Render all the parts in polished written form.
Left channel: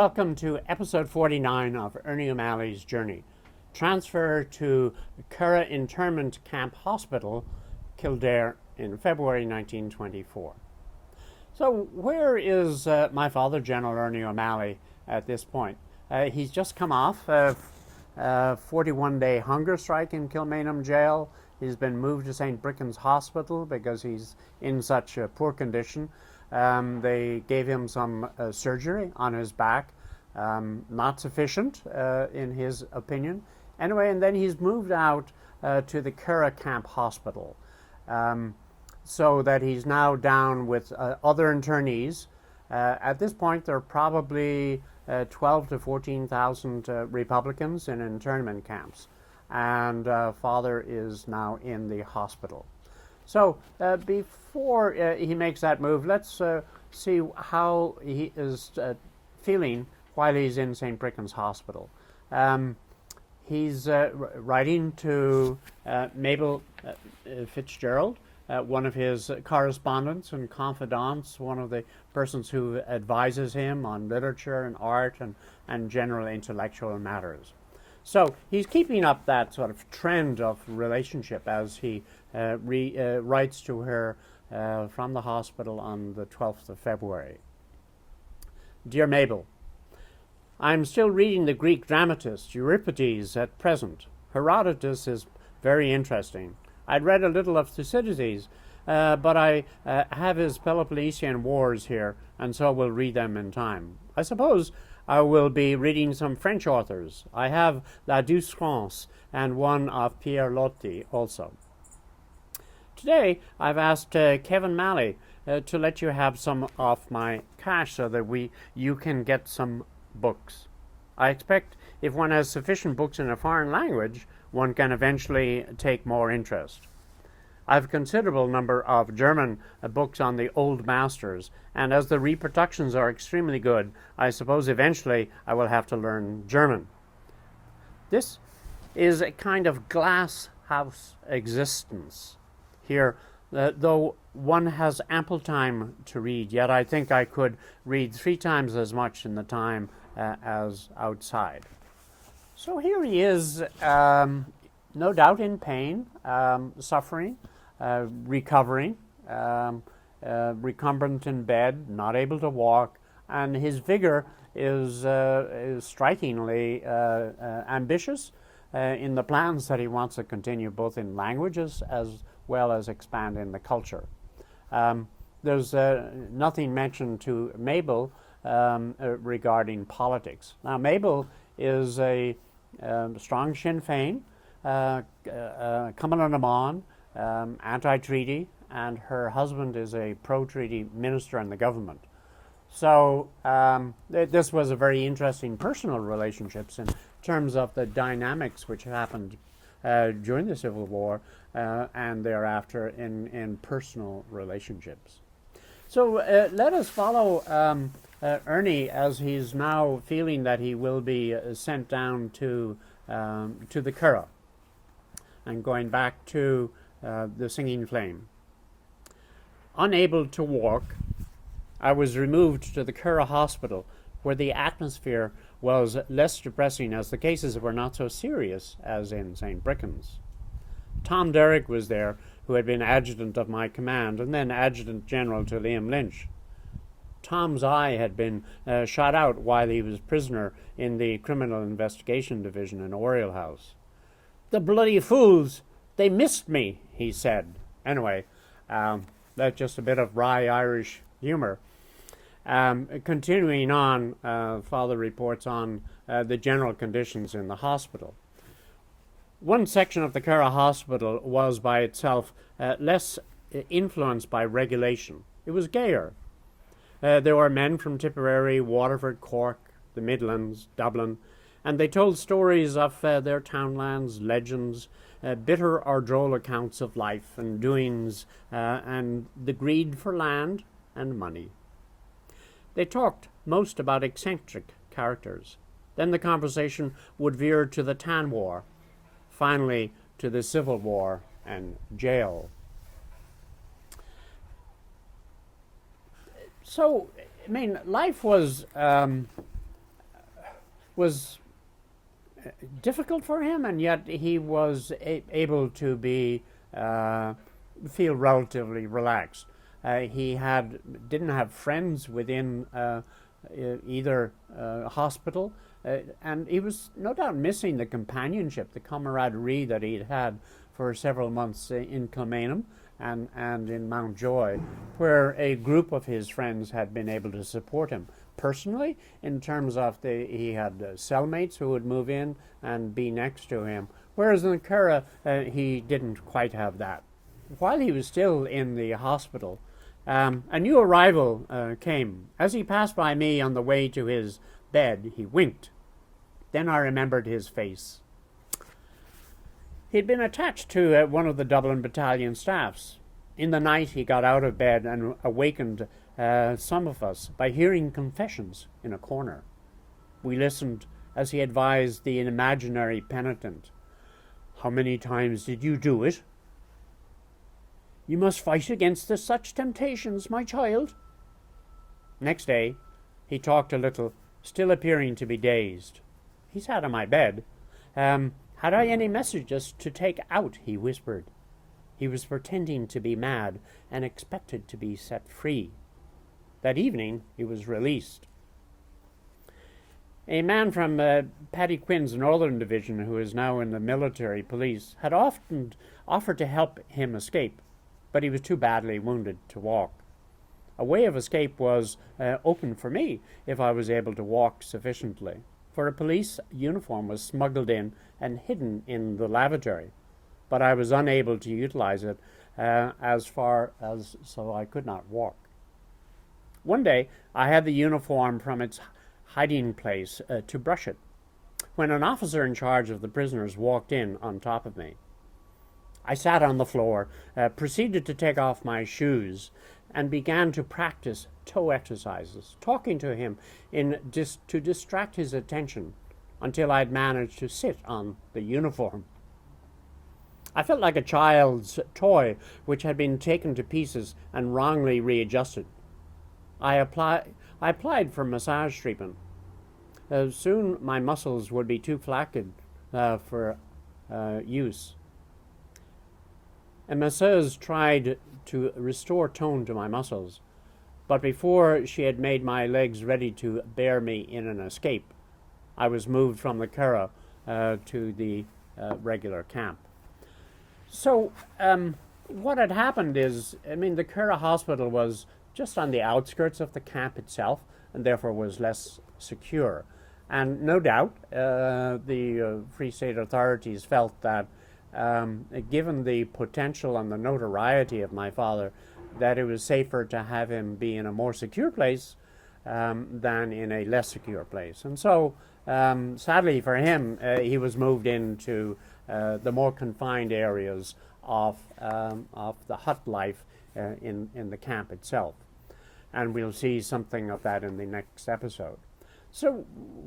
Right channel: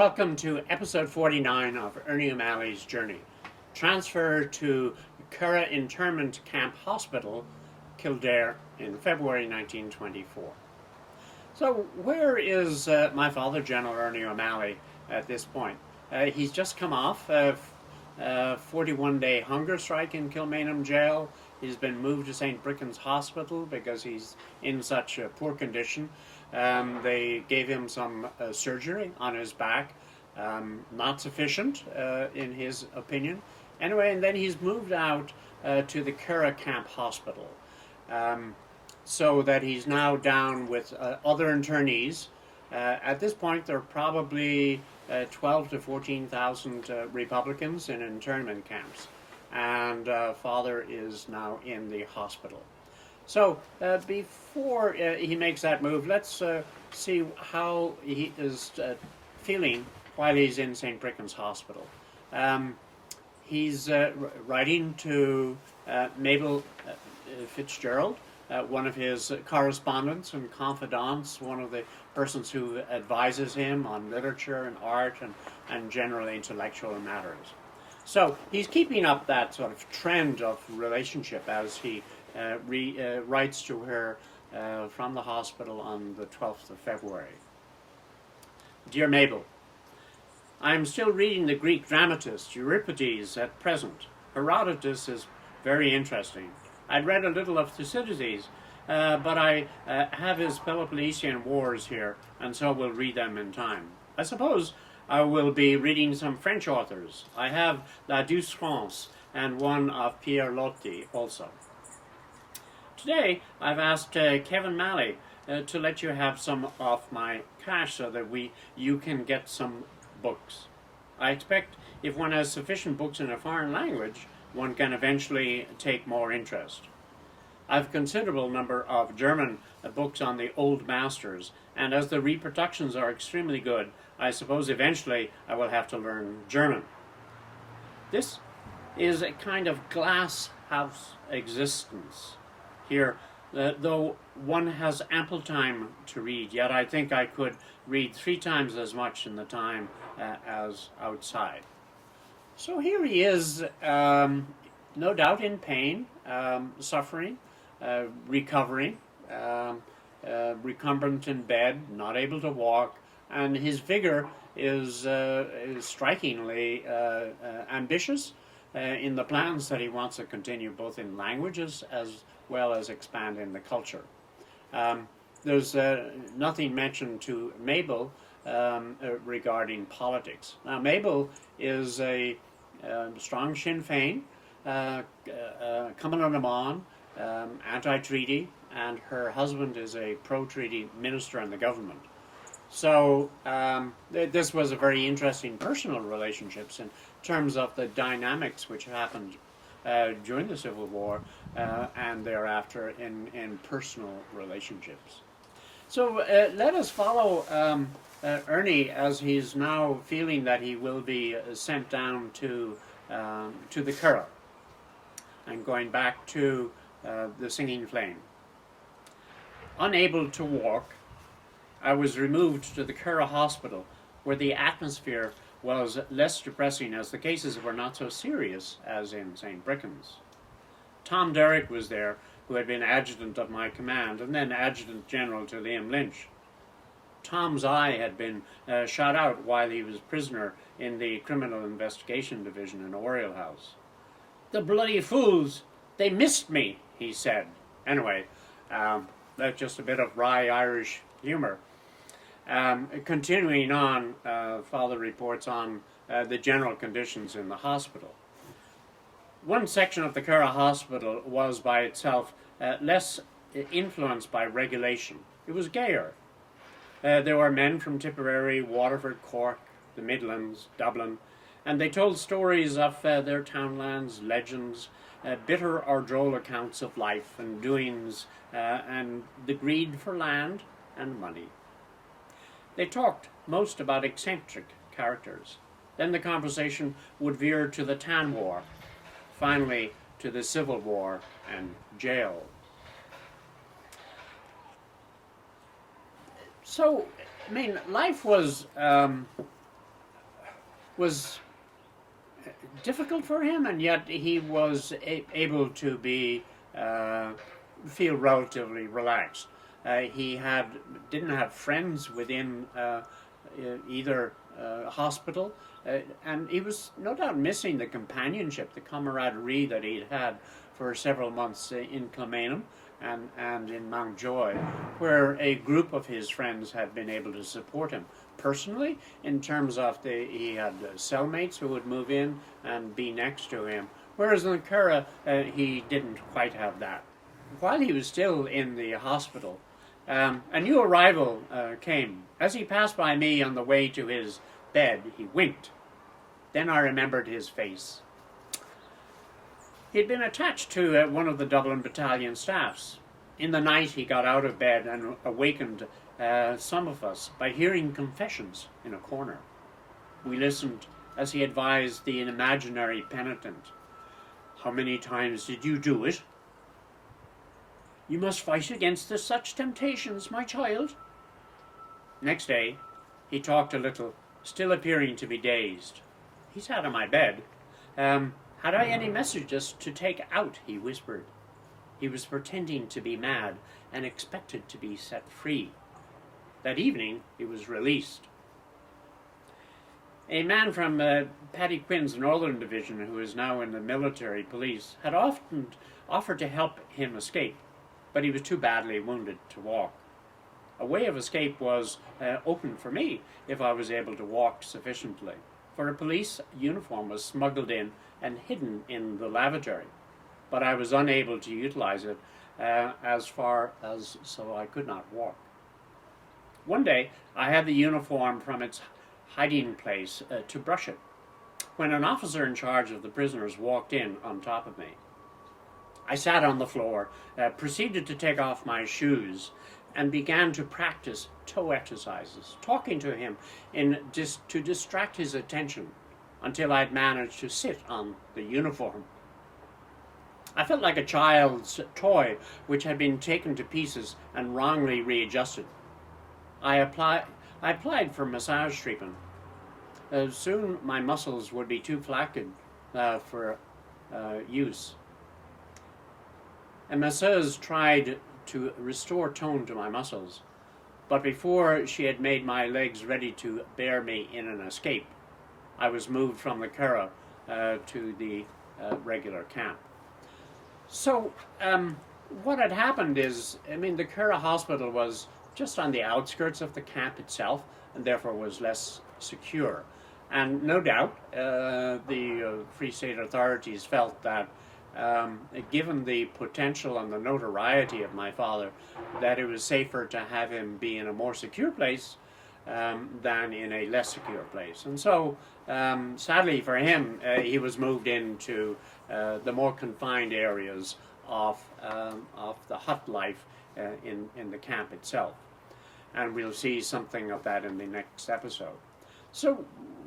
welcome to episode 49 of Ernie O'Malley's Journey. Transfer to Curragh Internment Camp Hospital, Kildare, in February 1924. So where is my father, General Ernie O'Malley, at this point? He's just come off a 41-day hunger strike in Kilmainham jail. He's been moved to St. Brichan's Hospital because he's in such a poor condition. They gave him some surgery on his back, not sufficient in his opinion. Anyway, and then he's moved out to the Curragh Camp Hospital, so that he's now down with other internees. At this point, there are probably 12 to 14,000 Republicans in internment camps, and Father is now in the hospital. So before he makes that move, let's see how he is feeling while he's in St. Brichan's Hospital. He's writing to Mabel Fitzgerald, one of his correspondents and confidants, one of the persons who advises him on literature and art and general intellectual matters. So he's keeping up that sort of trend of relationship as he writes to her from the hospital on the 12th of February. Dear Mabel, I am still reading the Greek dramatist Euripides at present. Herodotus is very interesting. I'd read a little of Thucydides, but I have his Peloponnesian Wars here, and so will read them in time. I suppose I will be reading some French authors. I have La Douce France and one of Pierre Loti also. Today, I've asked Kevin Malley to let you have some of my cash so that you can get some books. I expect if one has sufficient books in a foreign language, one can eventually take more interest. I have a considerable number of German books on the old masters, and as the reproductions are extremely good, I suppose eventually I will have to learn German. This is a kind of glass house existence here, though one has ample time to read, yet I think I could read 3 times as much in the time as outside. So here he is, no doubt in pain, suffering, recovering, recumbent in bed, not able to walk, and his vigor is strikingly ambitious in the plans that he wants to continue both in languages as well as expand in the culture. There's nothing mentioned to Mabel regarding politics. Now, Mabel is a strong Sinn Féin, Cumann na mBan, anti-treaty, and her husband is a pro-treaty minister in the government. So this was a very interesting personal relationships in terms of the dynamics which happened during the Civil War and thereafter in personal relationships. So let us follow Ernie as he's now feeling that he will be sent down to the Curragh and going back to the Singing Flame. Unable to walk, I was removed to the Curragh Hospital, where the atmosphere was less depressing as the cases were not so serious as in St. Brichan's. Tom Derrick was there, who had been adjutant of my command and then adjutant general to Liam Lynch. Tom's eye had been shot out while he was prisoner in the Criminal Investigation Division in Oriel House. "The bloody fools! They missed me," he said. Anyway, that's just a bit of wry Irish humor. Continuing on, Father reports on the general conditions in the hospital. One section of the Curragh Hospital was by itself less influenced by regulation. It was gayer. There were men from Tipperary, Waterford, Cork, the Midlands, Dublin, and they told stories of their townlands, legends, bitter or droll accounts of life and doings, and the greed for land and money. They talked most about eccentric characters. Then the conversation would veer to the Tan War, finally to the Civil War and jail. So, I mean, life was was difficult for him, and yet he was able to be feel relatively relaxed. He didn't have friends within either hospital, and he was no doubt missing the companionship, the camaraderie that he had had for several months in Kilmainham and in Mountjoy, where a group of his friends had been able to support him personally, in terms of he had cellmates who would move in and be next to him, whereas in Curragh he didn't quite have that. While he was still in the hospital, a new arrival came. As he passed by me on the way to his bed, he winked. Then I remembered his face. He'd been attached to one of the Dublin battalion staffs. In the night he got out of bed and awakened some of us by hearing confessions in a corner. We listened as he advised the imaginary penitent. "How many times did you do it?" "You must fight against such temptations, my child." Next day he talked a little, still appearing to be dazed. He sat on my bed. Had I any messages to take out?" he whispered. He was pretending to be mad and expected to be set free. That evening he was released. A man from Paddy Quinn's Northern Division, who is now in the military police, had often offered to help him escape, but he was too badly wounded to walk. A way of escape was open for me if I was able to walk sufficiently, for a police uniform was smuggled in and hidden in the lavatory, but I was unable to utilize it so I could not walk. One day I had the uniform from its hiding place to brush it, when an officer in charge of the prisoners walked in on top of me. I sat on the floor, proceeded to take off my shoes, and began to practice toe exercises, talking to him to distract his attention until I'd managed to sit on the uniform. I felt like a child's toy which had been taken to pieces and wrongly readjusted. I applied for massage treatment. Soon my muscles would be too flaccid for use. A masseuse tried to restore tone to my muscles, but before she had made my legs ready to bear me in an escape, I was moved from the Curragh to the regular camp. So what had happened is, the Curragh hospital was just on the outskirts of the camp itself, and therefore was less secure. And no doubt the Free State authorities felt that given the potential and the notoriety of my father, that it was safer to have him be in a more secure place than in a less secure place. And so, sadly for him, he was moved into the more confined areas of the hut life in the camp itself. And we'll see something of that in the next episode. So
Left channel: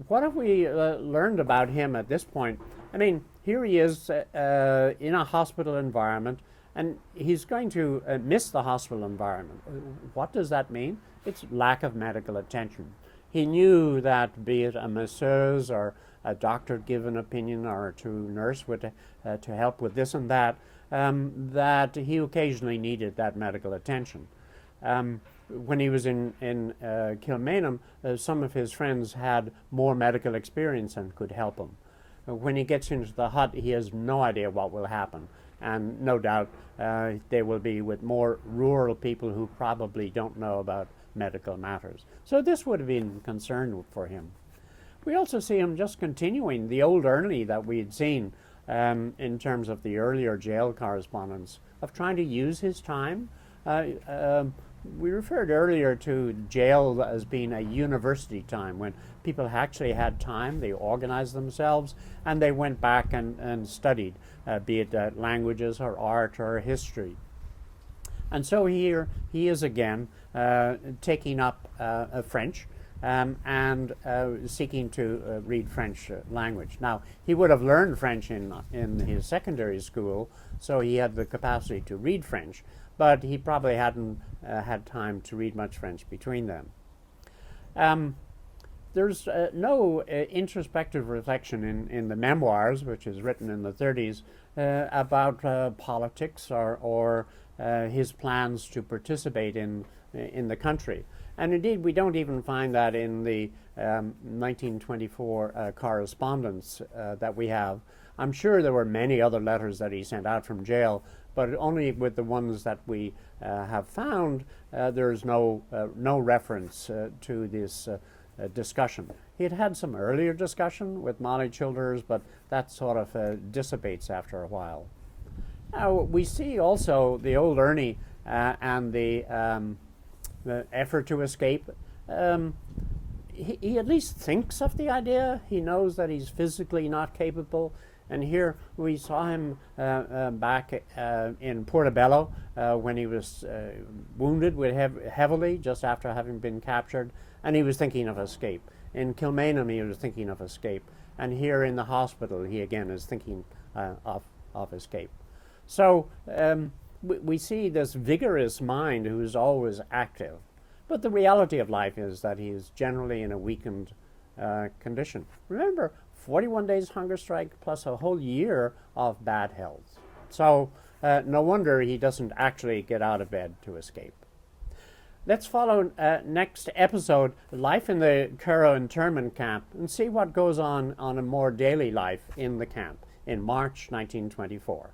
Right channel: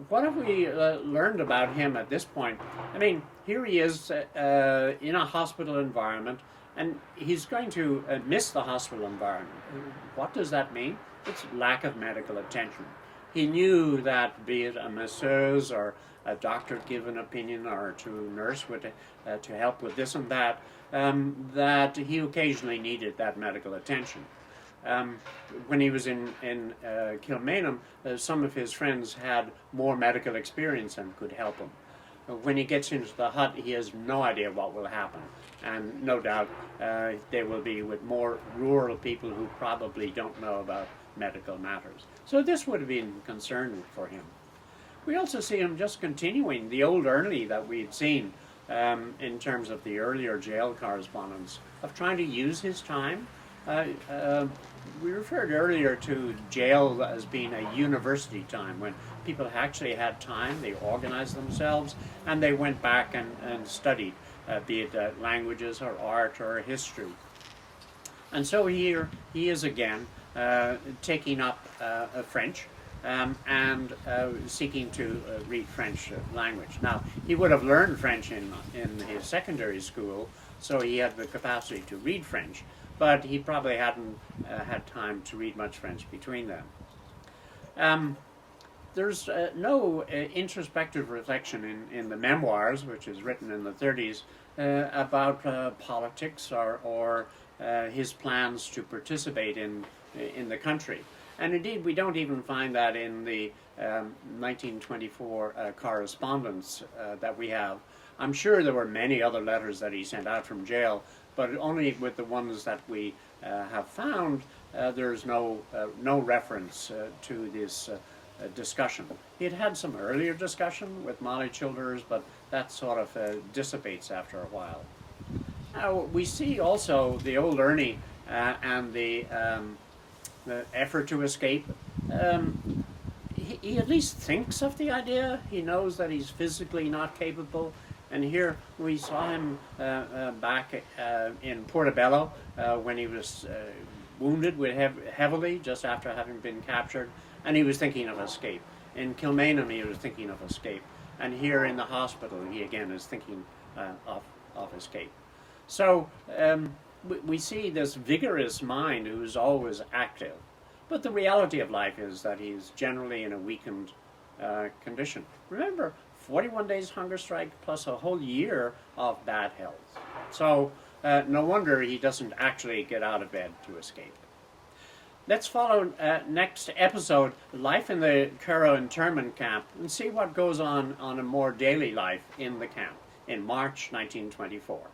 what have we learned about him at this point? Here he is in a hospital environment, and he's going to miss the hospital environment. What does that mean? It's lack of medical attention. He knew that, be it a masseuse or a doctor give an opinion, or a nurse would to help with this and that, that he occasionally needed that medical attention. When he was in Kilmainham, some of his friends had more medical experience and could help him. When he gets into the hut, he has no idea what will happen, and no doubt they will be with more rural people who probably don't know about medical matters. So this would have been concern for him. We also see him just continuing the old Ernie that we had seen in terms of the earlier jail correspondence, of trying to use his time. We referred earlier to jail as being a university time, when people actually had time, they organized themselves, and they went back and studied, be it languages or art or history. And so here he is again, taking up French and seeking to read French language. Now, he would have learned French in his secondary school, so he had the capacity to read French, but he probably hadn't had time to read much French between them. there's no introspective reflection in the memoirs, which is written in the 30s, about politics or his plans to participate in the country. And indeed, we don't even find that in the 1924 correspondence that we have. I'm sure there were many other letters that he sent out from jail, but only with the ones that we have found, there's no reference to this discussion. He had some earlier discussion with Molly Childers, but that sort of dissipates after a while. Now, we see also the old Ernie and the effort to escape. He at least thinks of the idea. He knows that he's physically not capable. And here we saw him back in Portobello when he was wounded heavily just after having been captured, and he was thinking of escape. In Kilmainham, he was thinking of escape. And here in the hospital, he again is thinking of escape. So we see this vigorous mind who's always active. But the reality of life is that he's generally in a weakened condition. Remember, 41 days hunger strike plus a whole year of bad health. So no wonder he doesn't actually get out of bed to escape. Let's follow next episode, life in the Curragh internment camp, and see what goes on a more daily life in the camp in March 1924.